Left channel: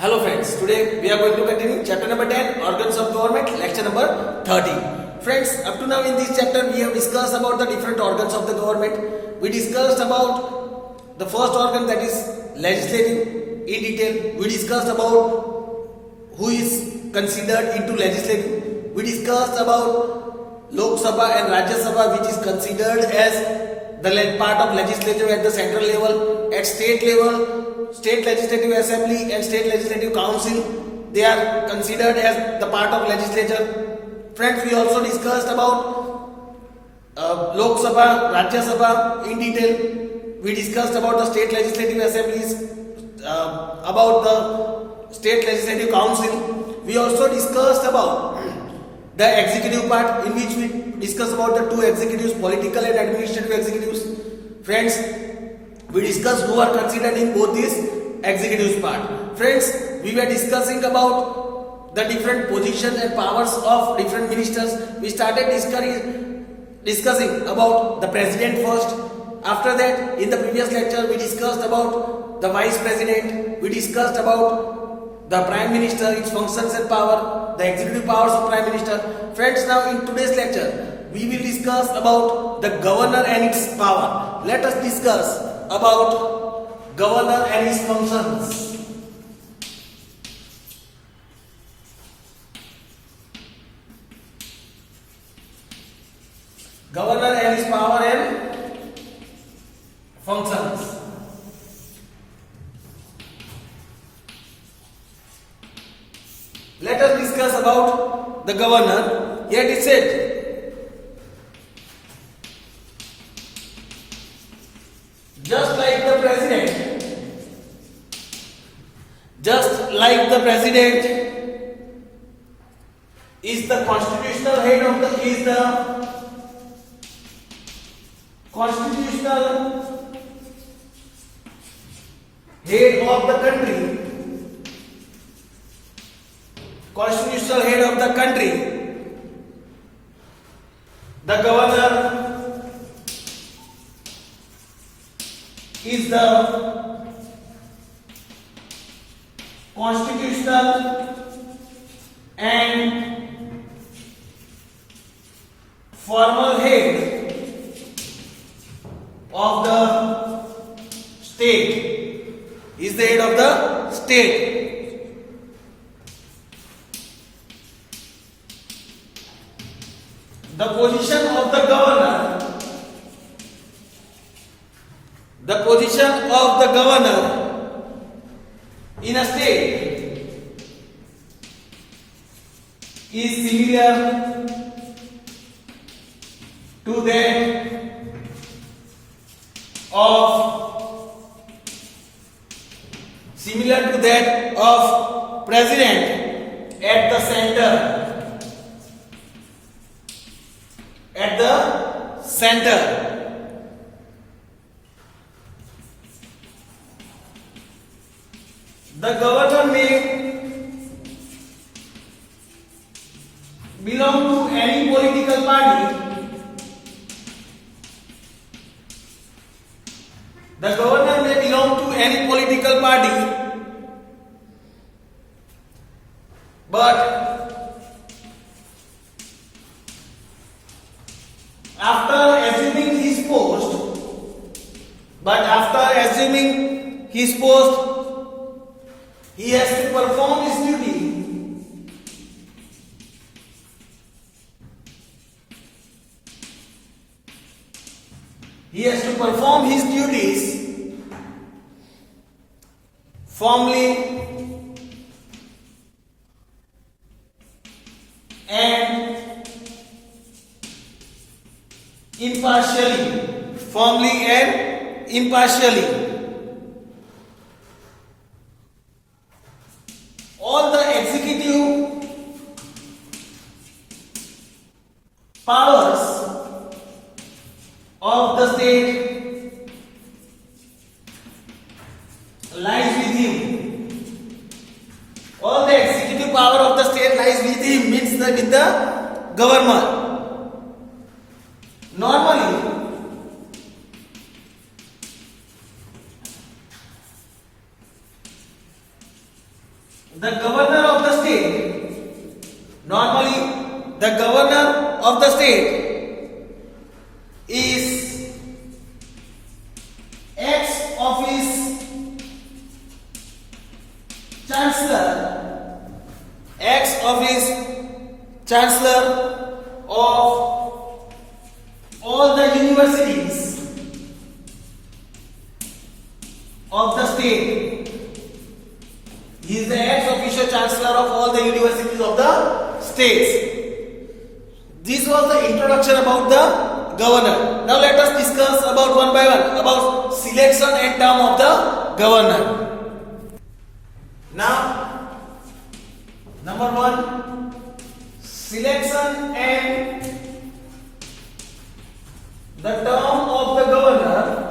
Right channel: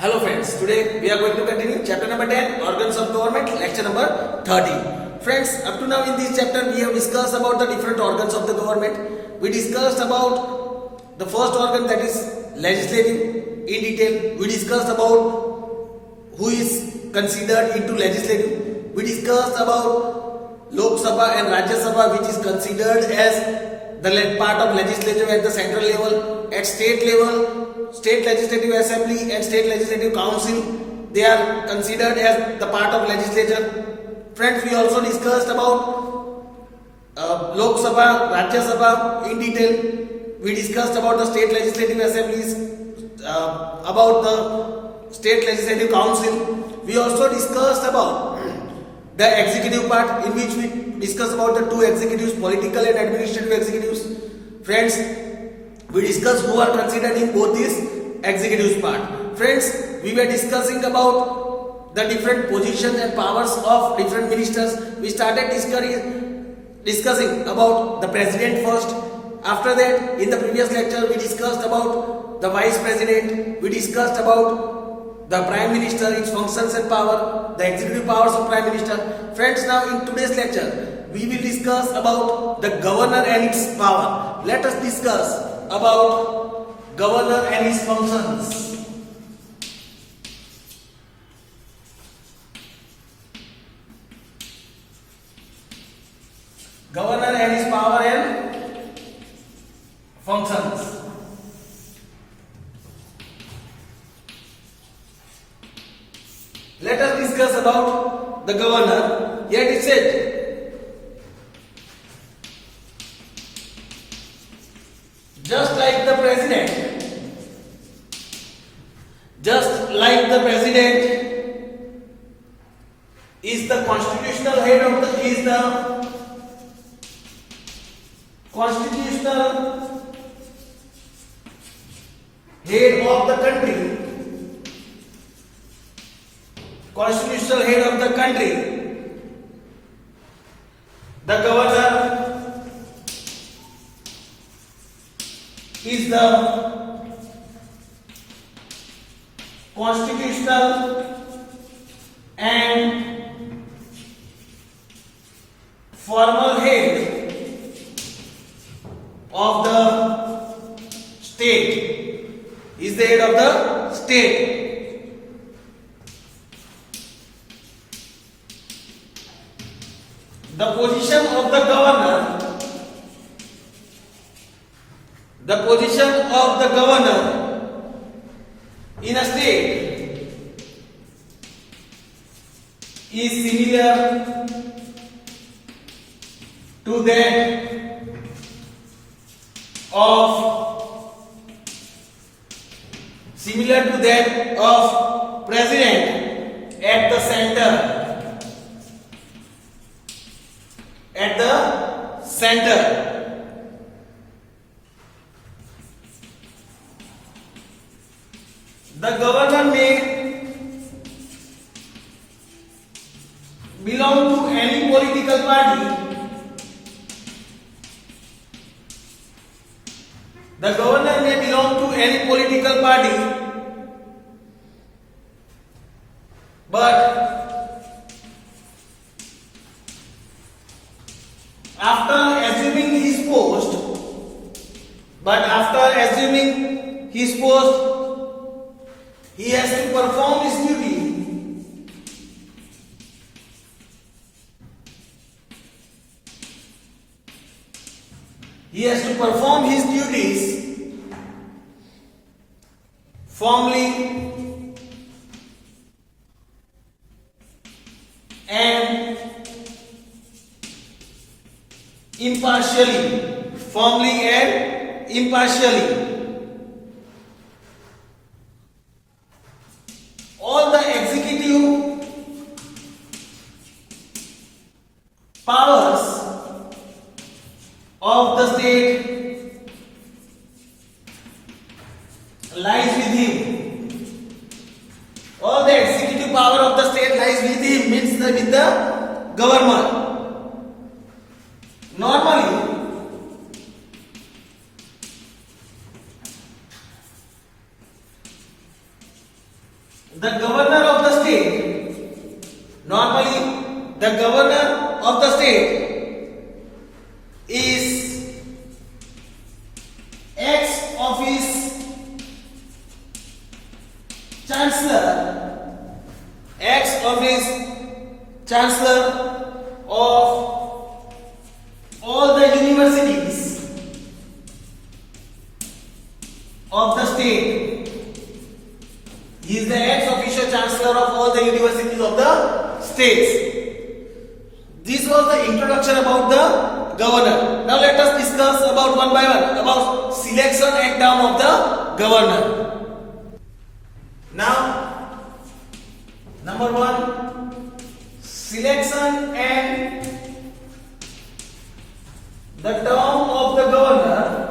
Hello friends, today we are going to continue chapter number 10, organs of government, lecture number 30. Friends, up to now in this chapter we have discussed about the different organs of the government. We discussed about the first organ, that is legislative, in detail. We discussed about who is considered into legislative. We discussed about Lok Sabha and Rajya Sabha, which is considered as the part of legislature at the central level. At state level, state legislative assembly and state legislative council, they are considered as the part of legislature. Friends, we also discussed about Lok Sabha, Rajya Sabha in detail. We discussed about the state legislative assemblies, about the state legislative council. We also discussed about the executive part, in which we discuss about the two executives, political and administrative executives. Friends, we discussed who are considered in both these executives part. Friends, we were discussing about the different position and powers of different ministers. We started discussing about the president first. After that, in the previous lecture, we discussed about the vice president. We discussed about the prime minister, its functions and power, the executive powers of prime minister. Friends, now in today's lecture, we will discuss about the governor and its power. Let us discuss about governor and his functions. Governor and his power and functions. Let us discuss about the governor. Here it is said, just like the president is the constitutional head of the country. Constitutional head of the country, the governor is the constitutional and formal head of the state, is the head of the state. The position of the governor in a state is similar to that of president at the center. The governor may belong to any political party. The governor may belong to any political party, but after assuming his post, he has to perform his duty. He has to perform his duties formally and impartially. All the executive powers of the state lies with him. All the executive power of the state lies with him, means that with the government. Normally, the governor of the state, normally the governor of the state is ex office chancellor, ex office chancellor of all the universities of the state. He is the ex-officio chancellor of all the universities of the states. This was the introduction about the governor. Now let us discuss about one by one about selection and term of the governor. Now, number one, selection and the term of the governor.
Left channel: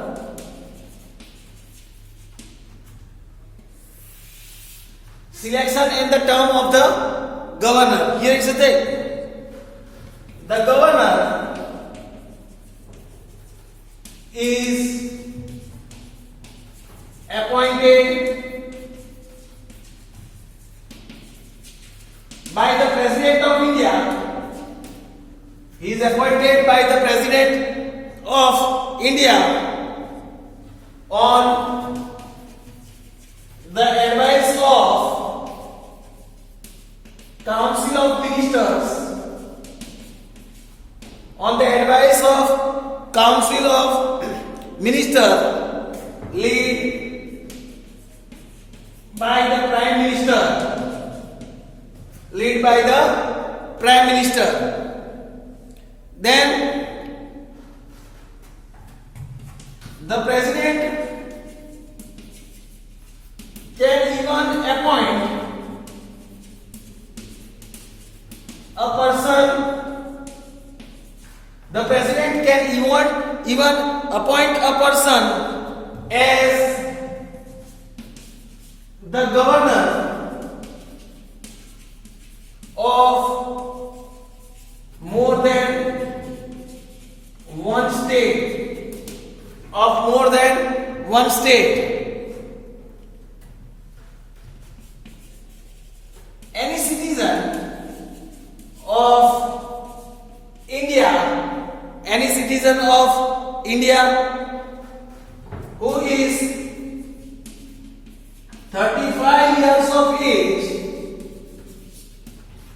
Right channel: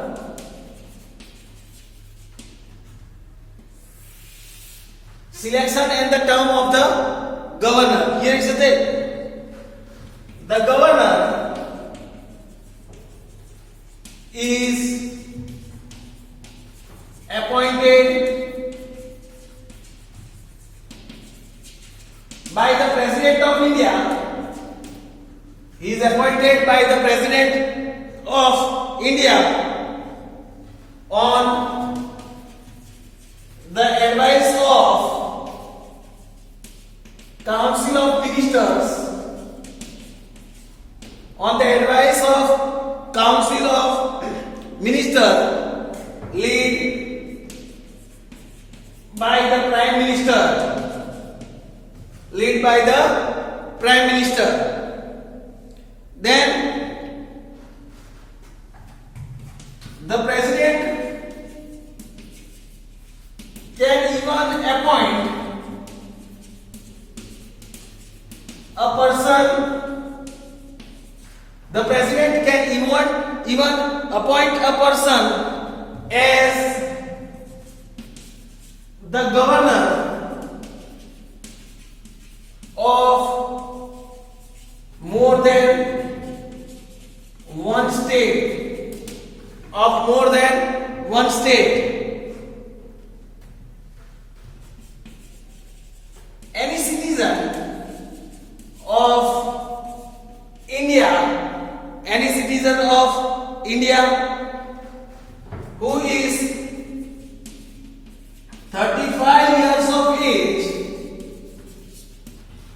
Selection and the term of the governor. Here is the thing. The governor is appointed by the President of India. He is appointed by the President of India on the advice of Council of Ministers, on the advice of Council of Ministers, led by the Prime Minister, led by the Prime Minister. Then the President can even appoint a person. The President can even appoint a person as the governor of more than one state, of more than one state. Any citizen of India, any citizen of India who is 35 years of age,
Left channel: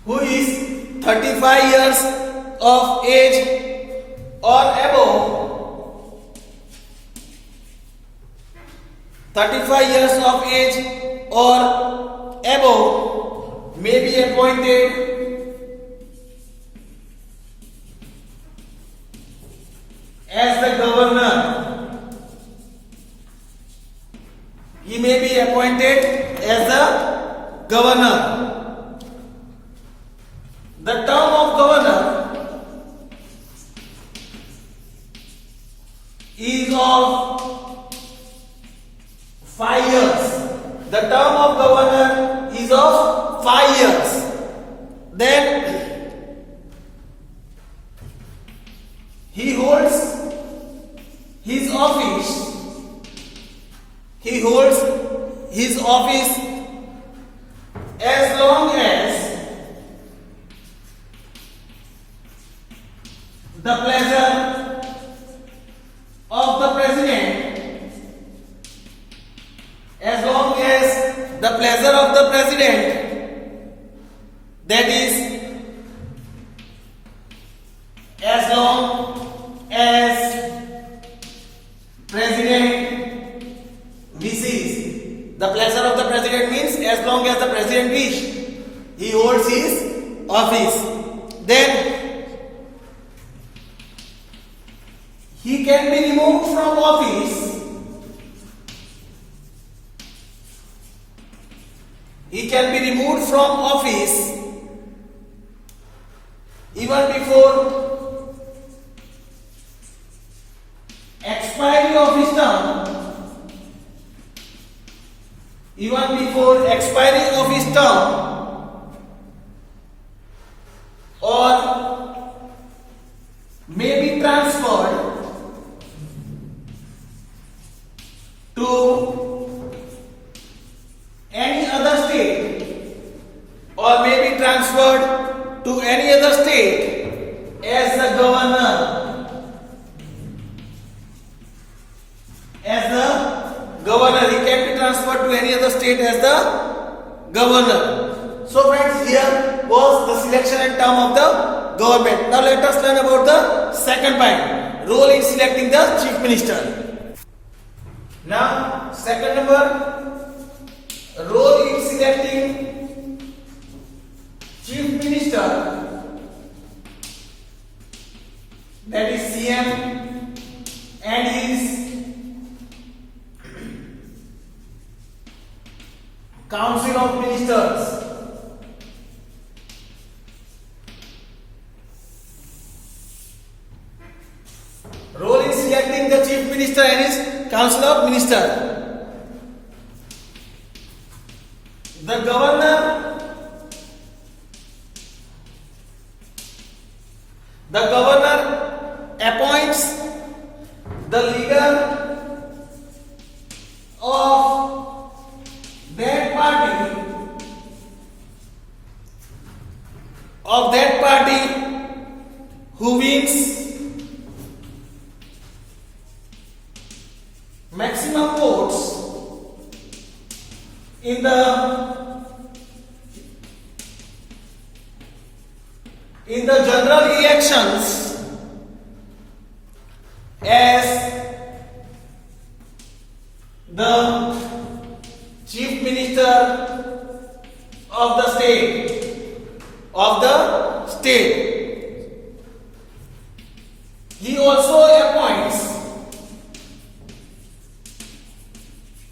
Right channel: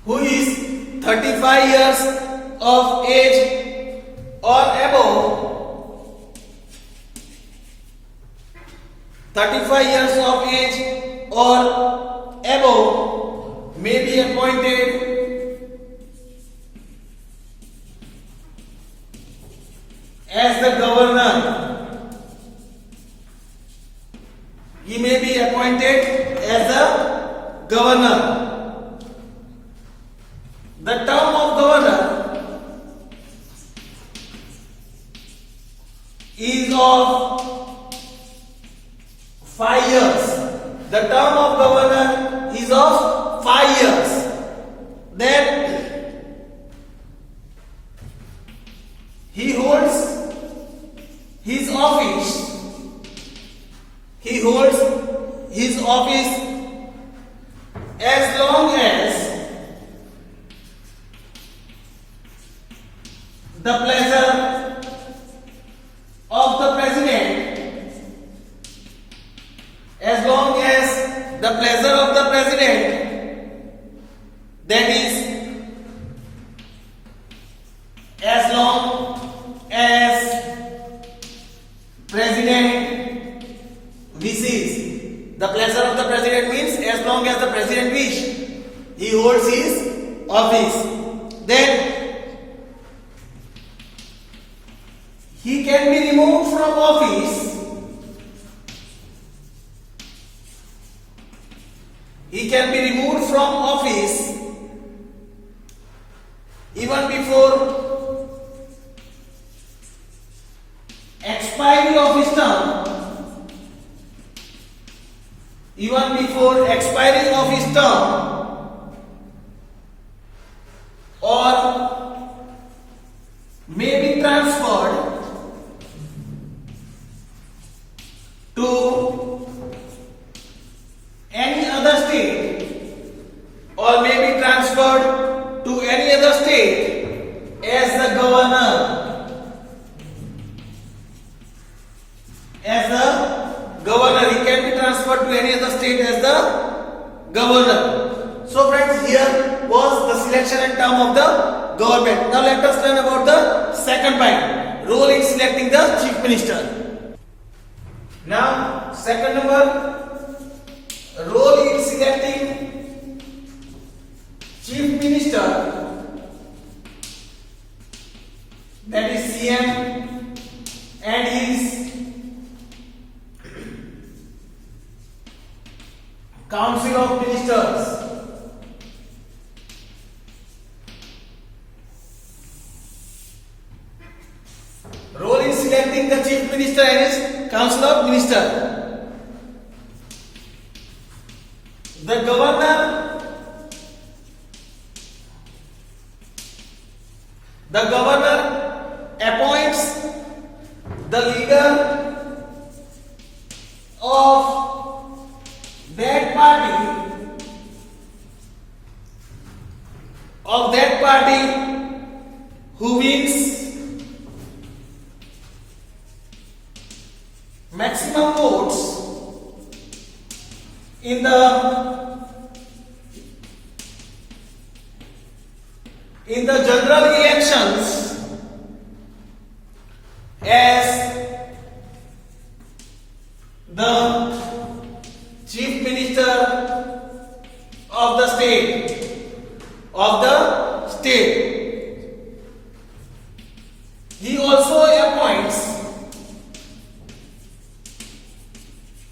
who is 35 years of age or above, 35 years of age or above may be appointed as the governor. He may be appointed as the governor. The term of governor is of 5 years. The term of governor is of 5 years. Then he holds his office. He holds his office as long as the pleasure of the President, as long as the pleasure of the President, that is, as long as President wishes. The pleasure of the President means as long as the President wishes, he holds his office. Then he can be removed from office. He can be removed from office even before expiry of his term, even before expiry of his term, or may be transferred to any other state to any other state as the governor. As the governor, he can be transferred to any other state as the governor. So friends, here was the selection and term of the government. Now let us learn about the second point, role in selecting the chief minister. Now second number, role in selecting chief minister, that is CM and his Council of Ministers. Role in selecting the chief minister and his Council of Ministers. The governor appoints the leader of that party who wins maximum votes in the general elections as the chief minister of the state. He also appoints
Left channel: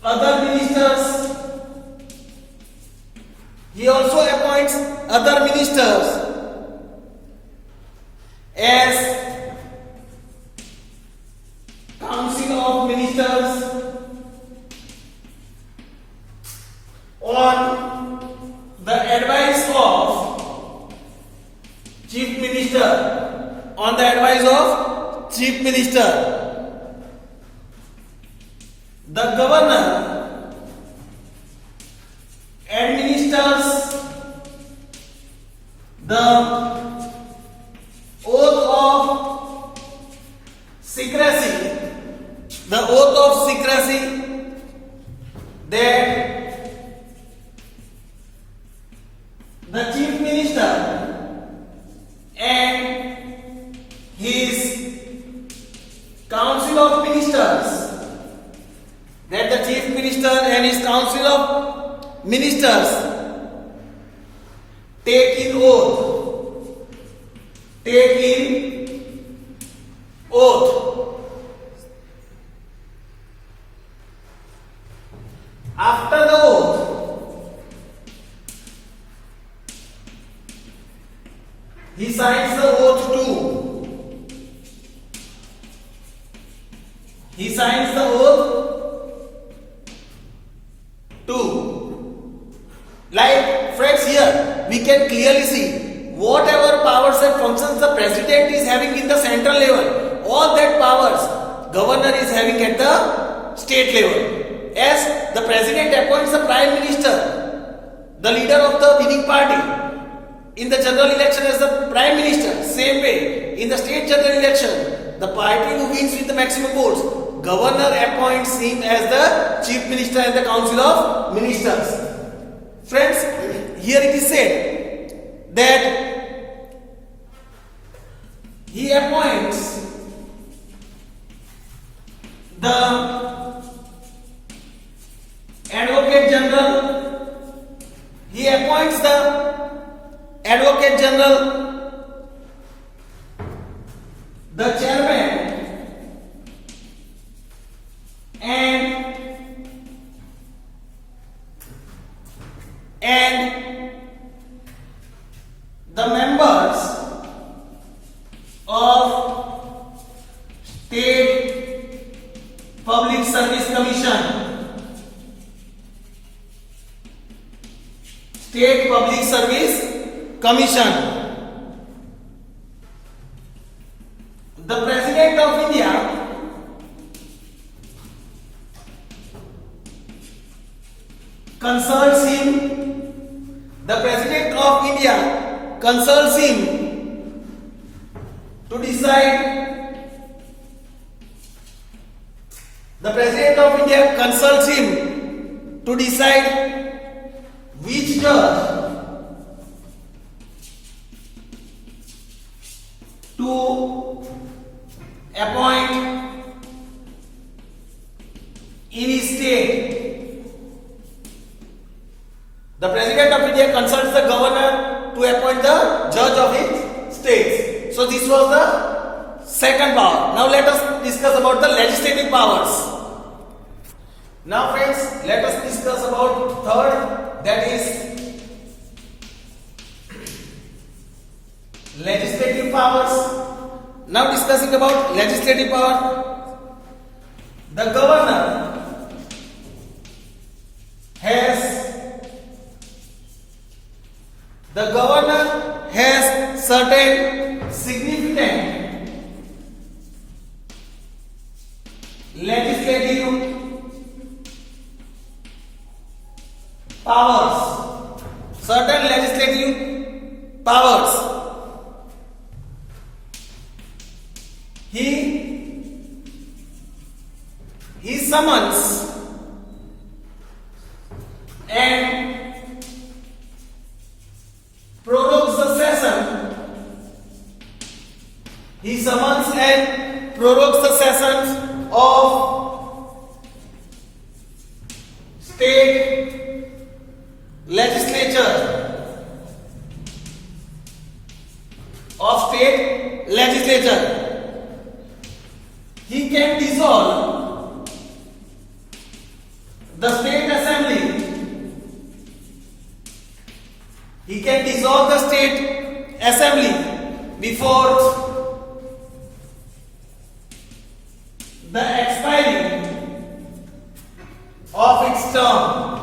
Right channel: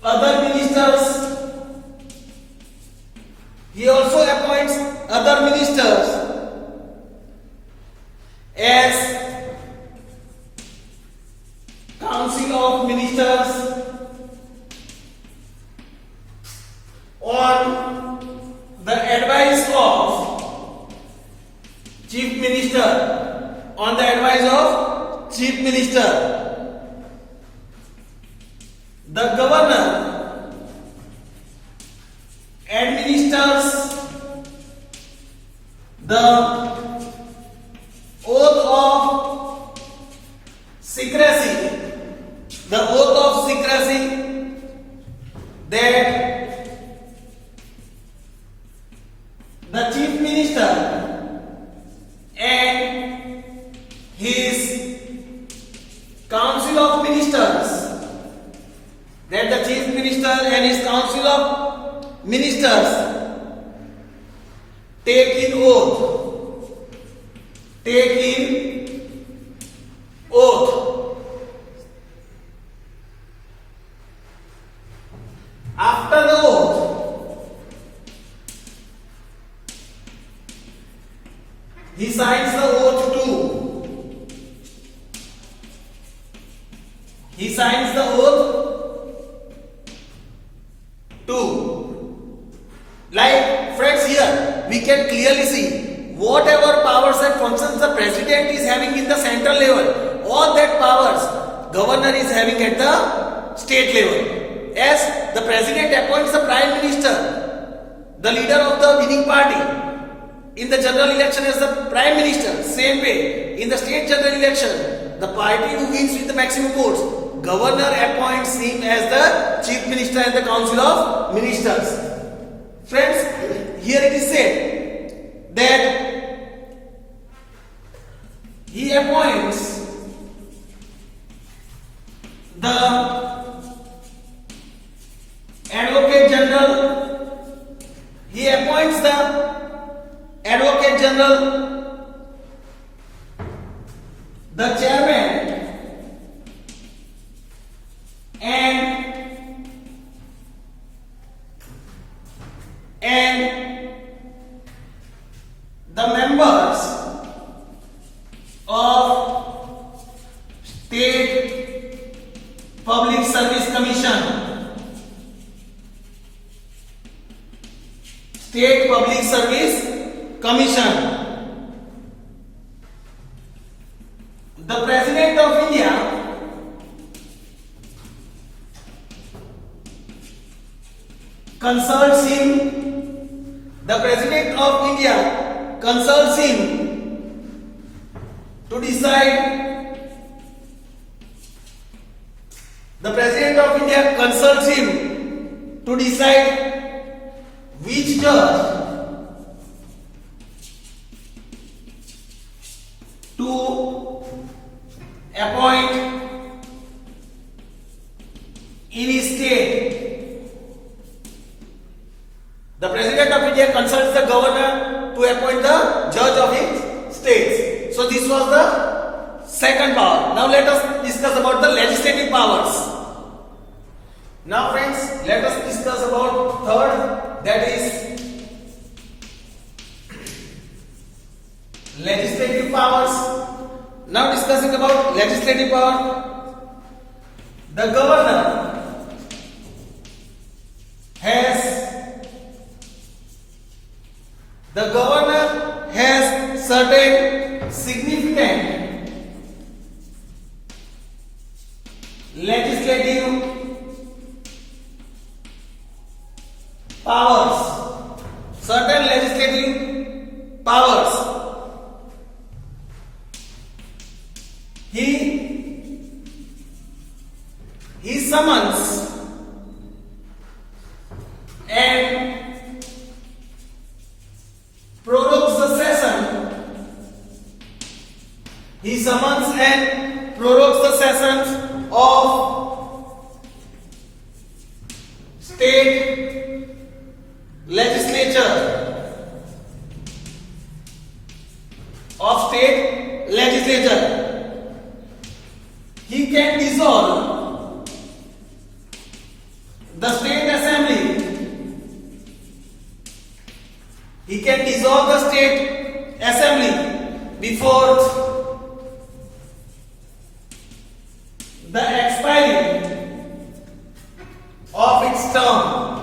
other ministers. As Council of Ministers on the advice of Chief Minister. The governor administers the oath of secrecy. That the chief minister and his council of ministers take in oath. After the oath, he signs the oath too. Like friends, here we can clearly see whatever powers and functions the president is having in the central level, all that powers governor is having at the state level. As the president appoints the prime minister, the leader of the winning party in the general election as the prime minister. Same way, in the state general election, the party who wins with the maximum votes, governor appoints him as the chief minister and the council of ministers. Friends, here it is said that he appoints the Advocate General, the chairman, and the members of State Public Service Commission. State Public Service Commission. The President of India consults him. The President of India consults him to decide. The President of India consults him to decide which judge to appoint in his state. The President of India consults the governor to appoint the judge of his states. So this was the second power. Now let us discuss about the legislative powers. Now friends, let us discuss about third, that is legislative powers. Now discussing about legislative power, the governor has certain significant legislative powers. Certain legislative powers. He summons and prorogues the session. He summons and prorogues the sessions of state legislature. He can dissolve the state assembly. He can dissolve the state assembly before the expiry of its term.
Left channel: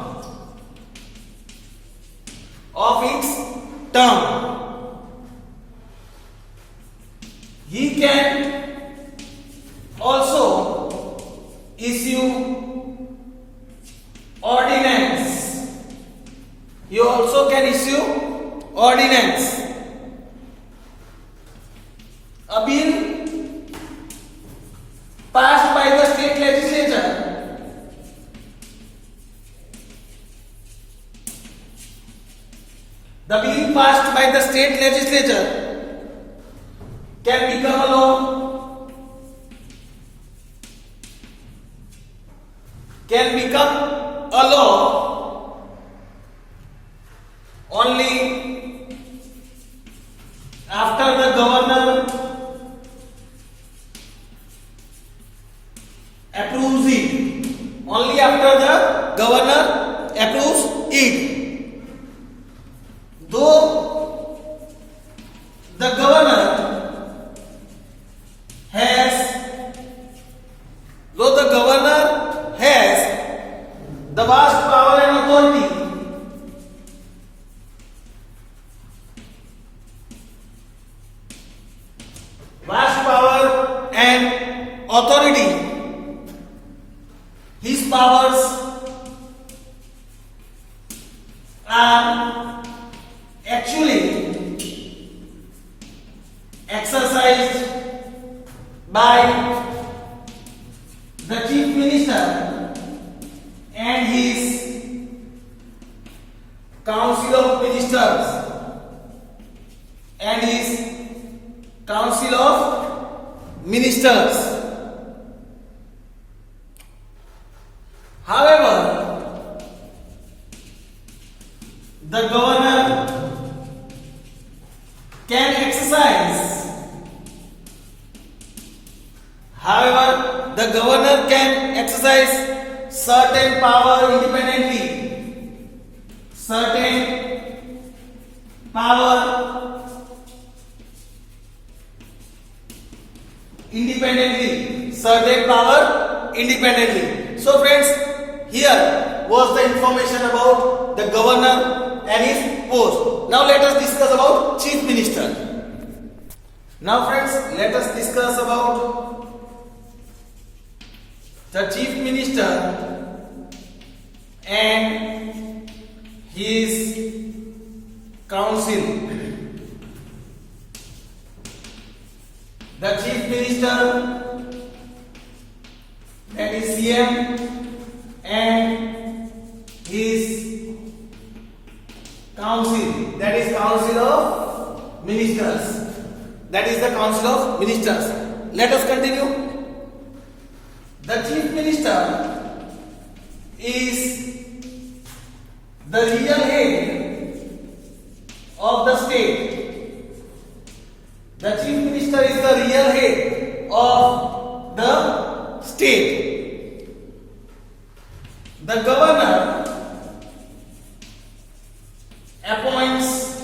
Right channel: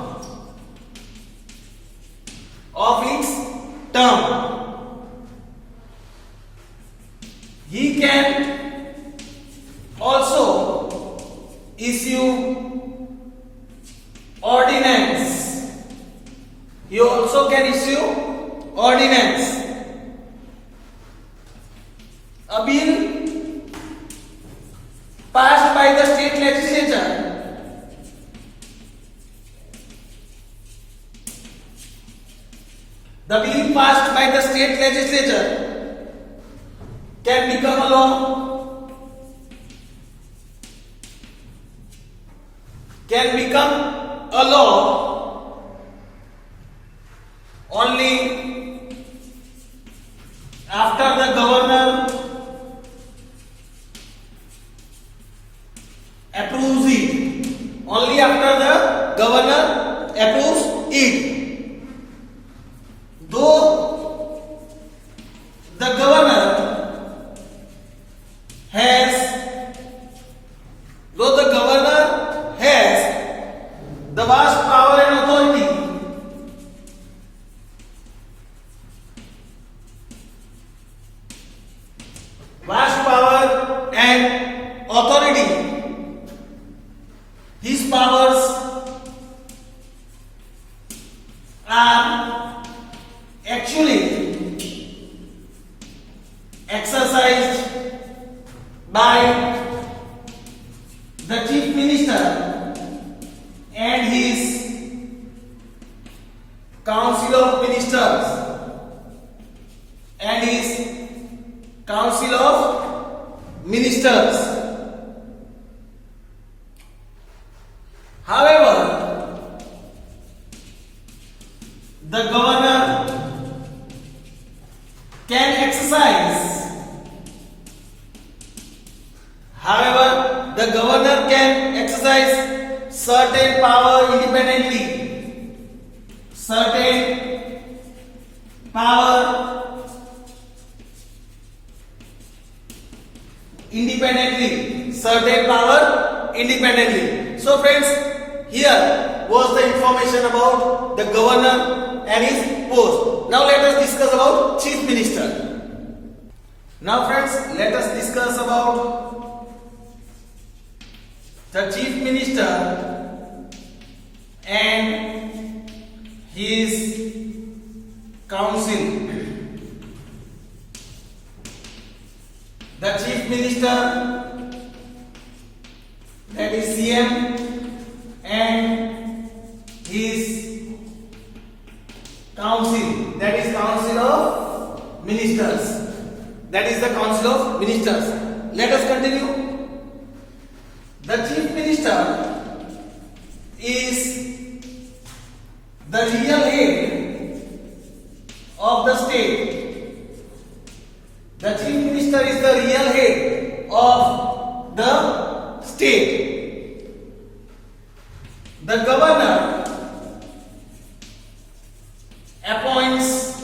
He can also issue ordinance. He also can issue ordinance. A bill passed by the state legislature can become a law. Only after the governor approves it. Though the governor has the vast power and authority, his powers are actually exercised by the chief minister and his council of ministers However, the governor can exercise certain power independently. Certain power independently. So friends, here was the information about the governor and his post. Now let us discuss about chief minister. Now friends, let us discuss about the chief minister and his council. the chief minister, that is CM, and his council, that is council of ministers, that is the council of ministers. Let us continue. The chief minister is the real head of the state. The chief minister is the real head of the state. The governor appoints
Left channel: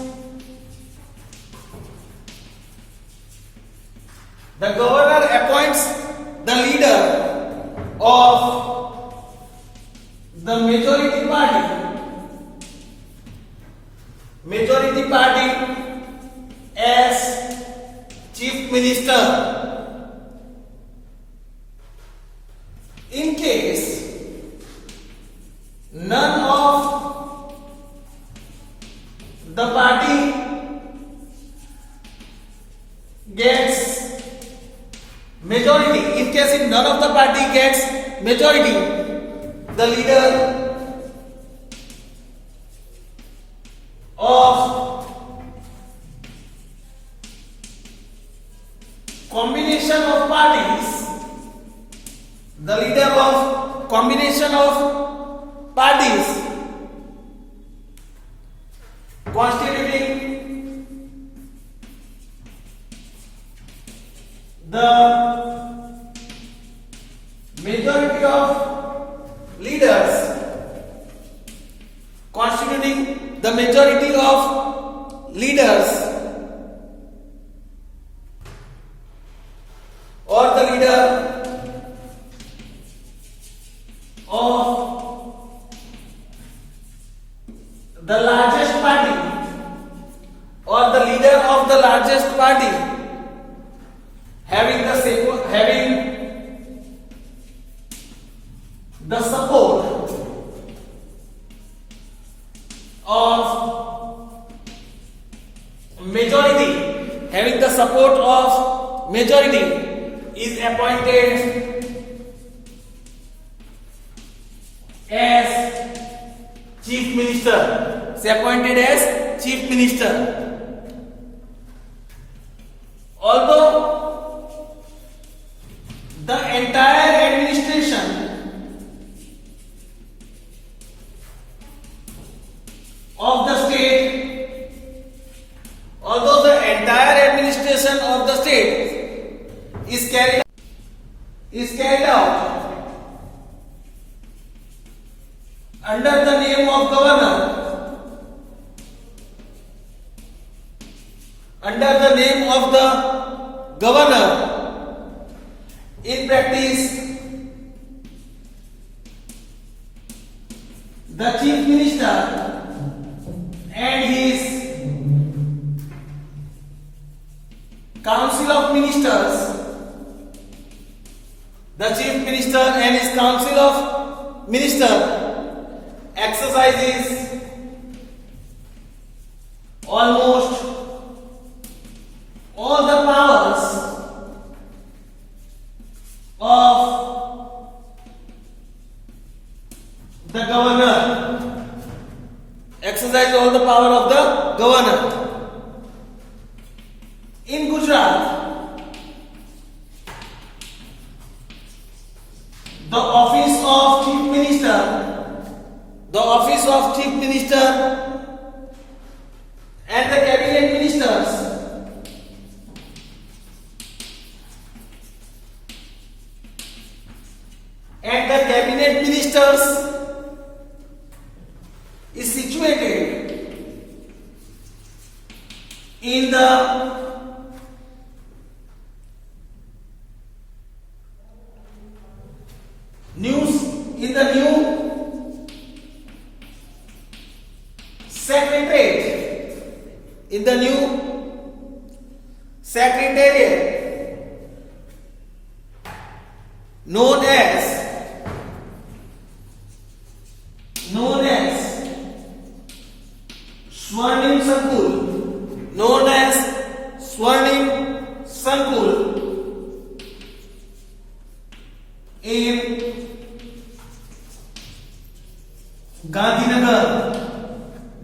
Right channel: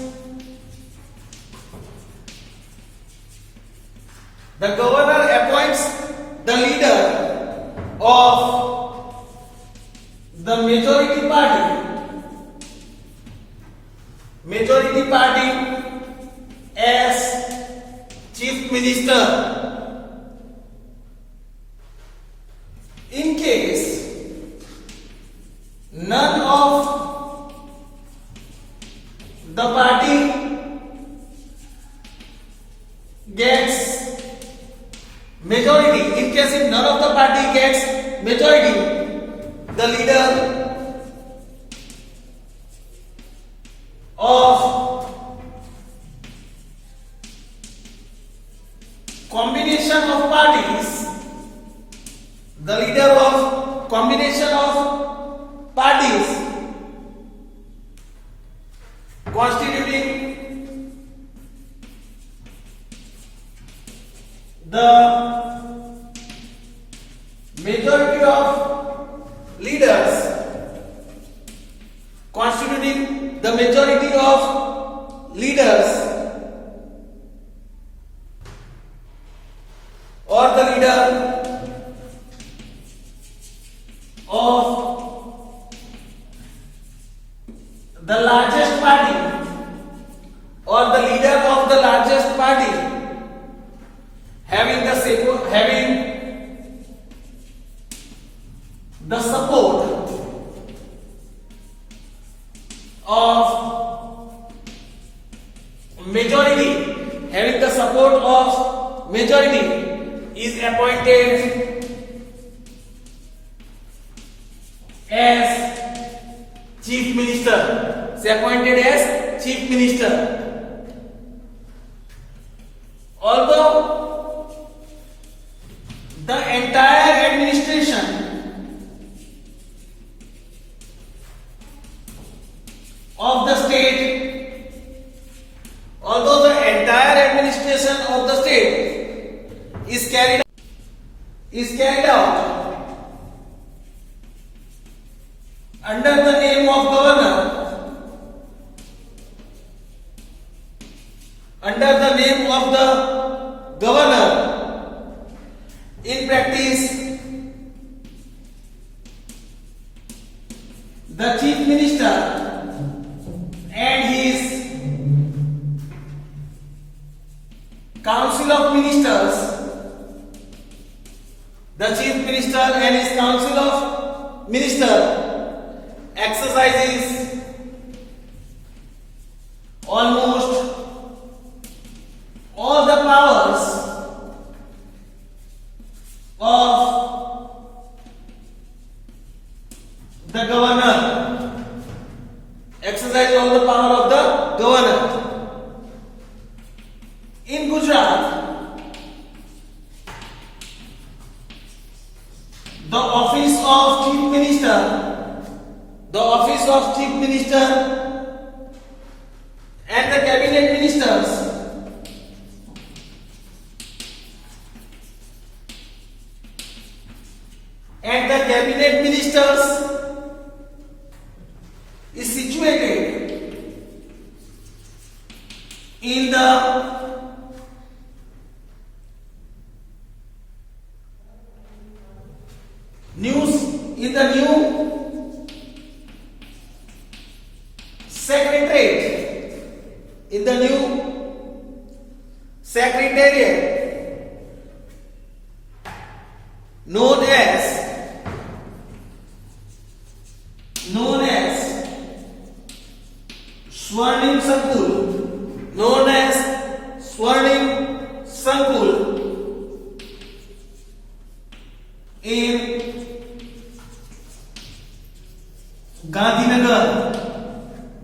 the leader of the majority party as chief minister. In case none of the party gets majority, in case if none of the party gets majority, the leader of combination of parties, the leader of combination of parties constituting the majority of leaders, constituting the majority of leaders, or the leader of the largest party, or the leader of the largest party having the support of majority, is appointed as chief minister. Is appointed as chief minister. Although the entire administration of the state, is carried out under the name of governor, in practice the chief minister and his council of ministers, exercises almost all the powers of the governor. Exercise all the power of the governor. In Gujarat, the office of chief minister and the cabinet ministers is situated in the new secretariat known as Swarnim Sankul,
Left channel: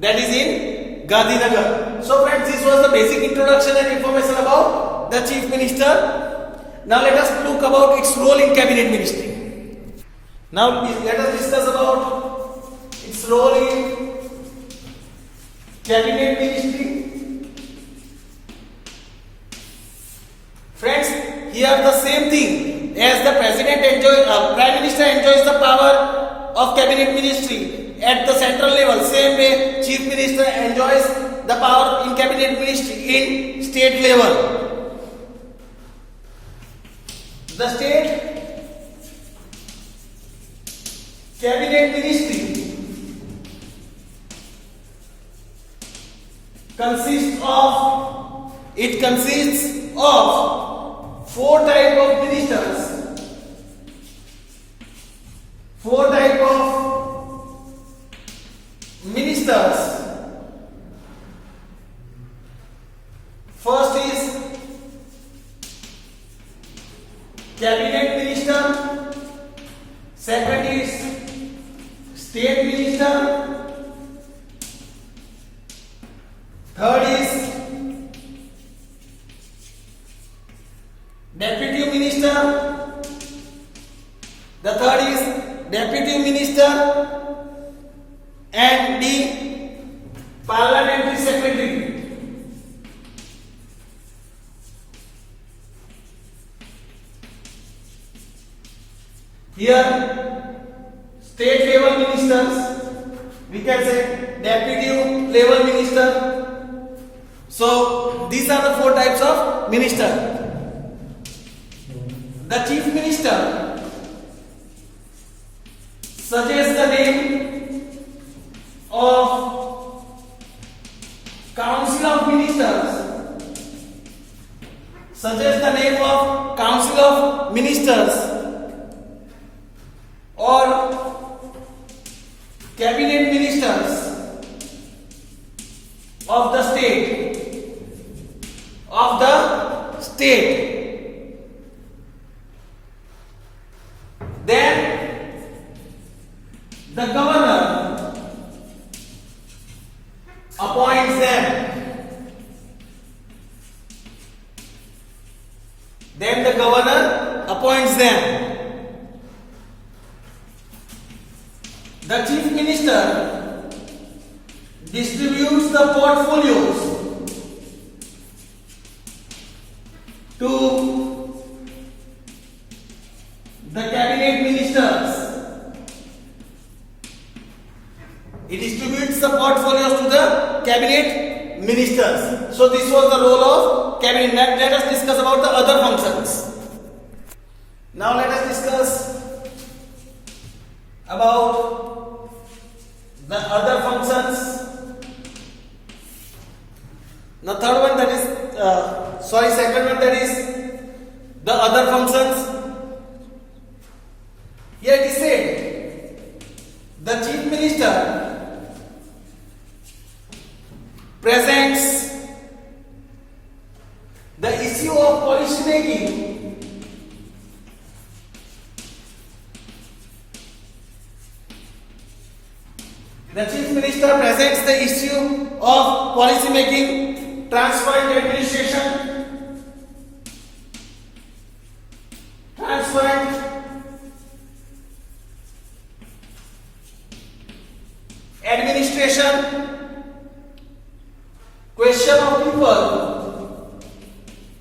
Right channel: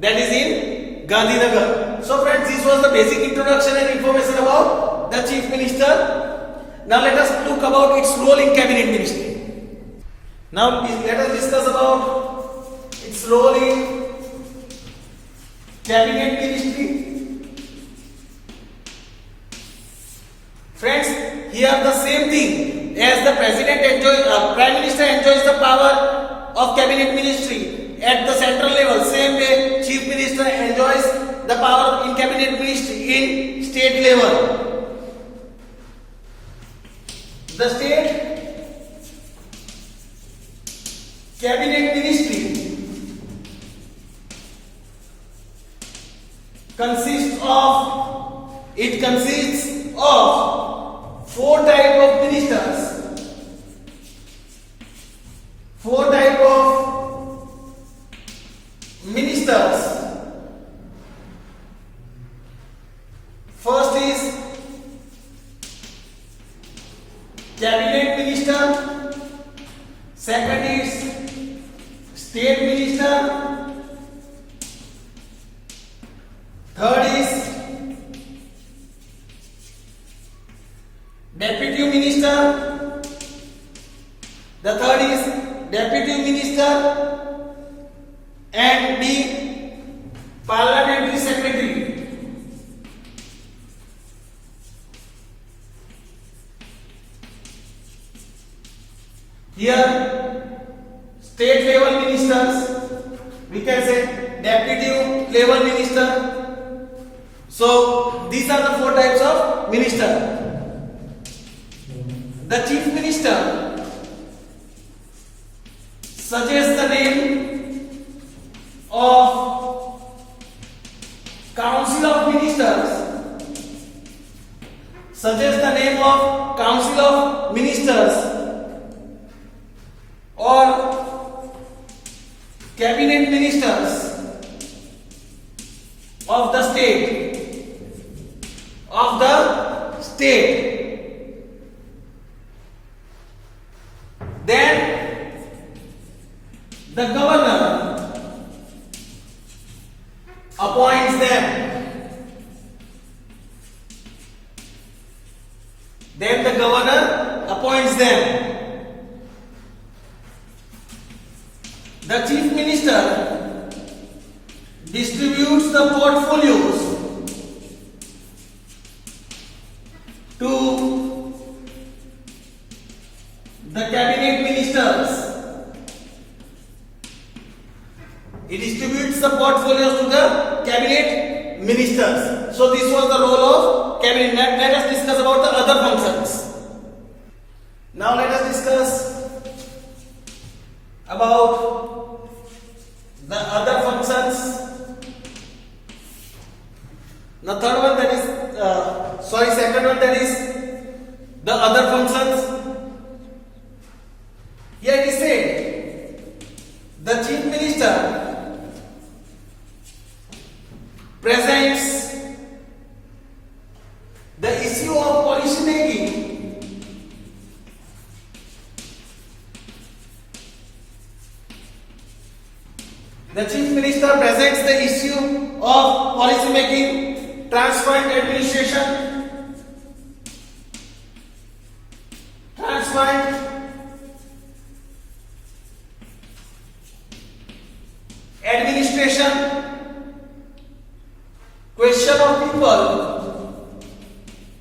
that is in Gandhinagar. So friends, this was the basic introduction and information about the Chief Minister. Now let us look about its role in Cabinet Ministry. Now let us discuss about its role in Cabinet Ministry. Friends, here the same thing as the Prime Minister enjoys the power of Cabinet Ministry at the central level. Same way, Chief Minister enjoys the power in Cabinet Ministry in state level. The state Cabinet Ministry consists of four type of ministers. Four type of ministers. First is Cabinet Minister. Second is State Minister. Third is Deputy Minister. The third is Deputy Minister and the Parliamentary Secretary. Here, state level ministers, we can say deputy level minister. So, these are the four types of minister. The Chief Minister suggests the name of Council of Ministers. Suggests the name of Council of Ministers or Cabinet Ministers of the state. Then the governor appoints them. The Chief Minister distributes the portfolios to the Cabinet Ministers. He distributes the portfolios to the Cabinet Ministers. So this was the role of Cabinet. Let us discuss about the other functions. Now let us discuss about the other functions. The third one, that is, second one, that is the other functions. Here it is said, the Chief Minister presents the issue of policy making The Chief Minister presents the issue of policy making, transparent administration,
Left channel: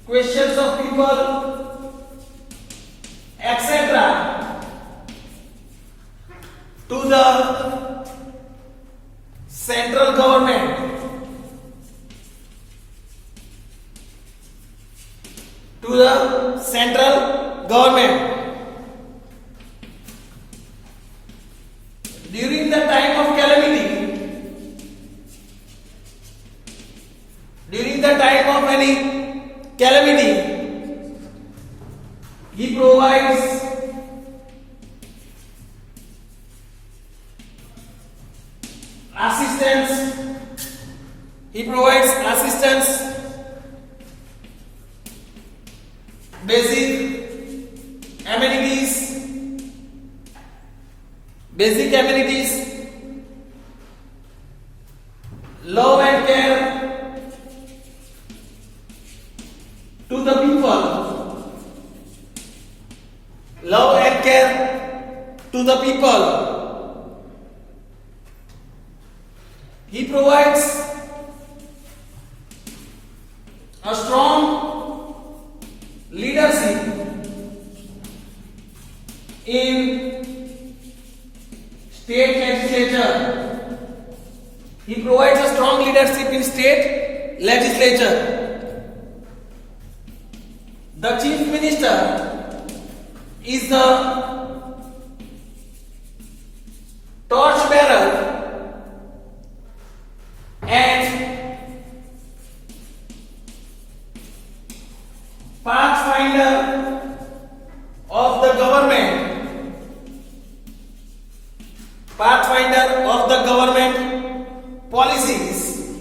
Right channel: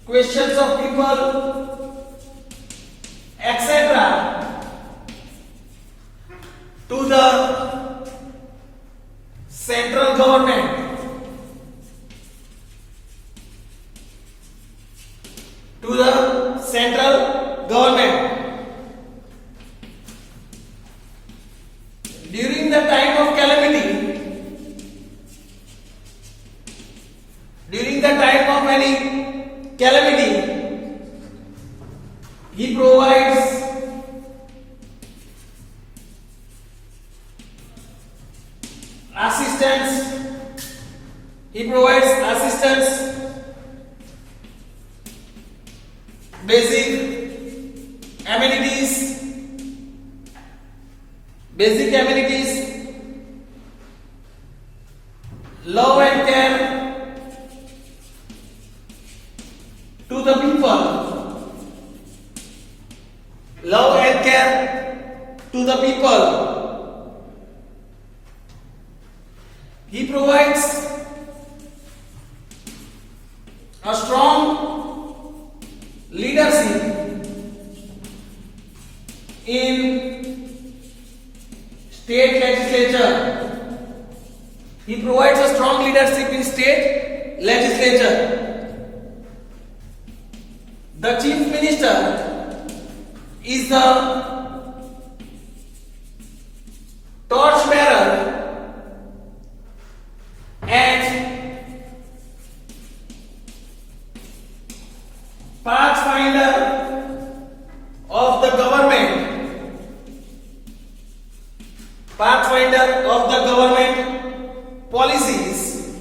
questions of people, etc. to the central government. During the time of calamity, during the time of any calamity, he provides assistance, basic amenities, to the people, love and care to the people. He provides a strong leadership in state legislature. He provides a strong leadership in state legislature. The chief minister is the torchbearer and pathfinder of the government. Pathfinder of the government policies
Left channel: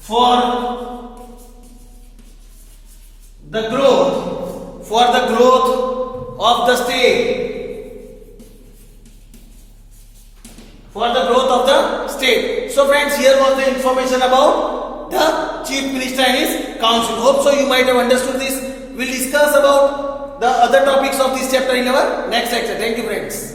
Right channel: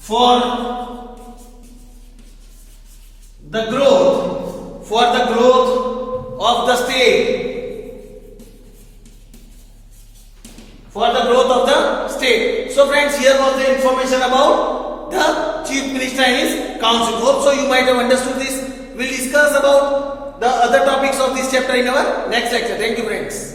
for the growth of the state, for the growth of the state. So friends, here was the information about the chief minister and his council. Hope so you might have understood this. We'll discuss about the other topics of this chapter in our next lecture. Thank you friends.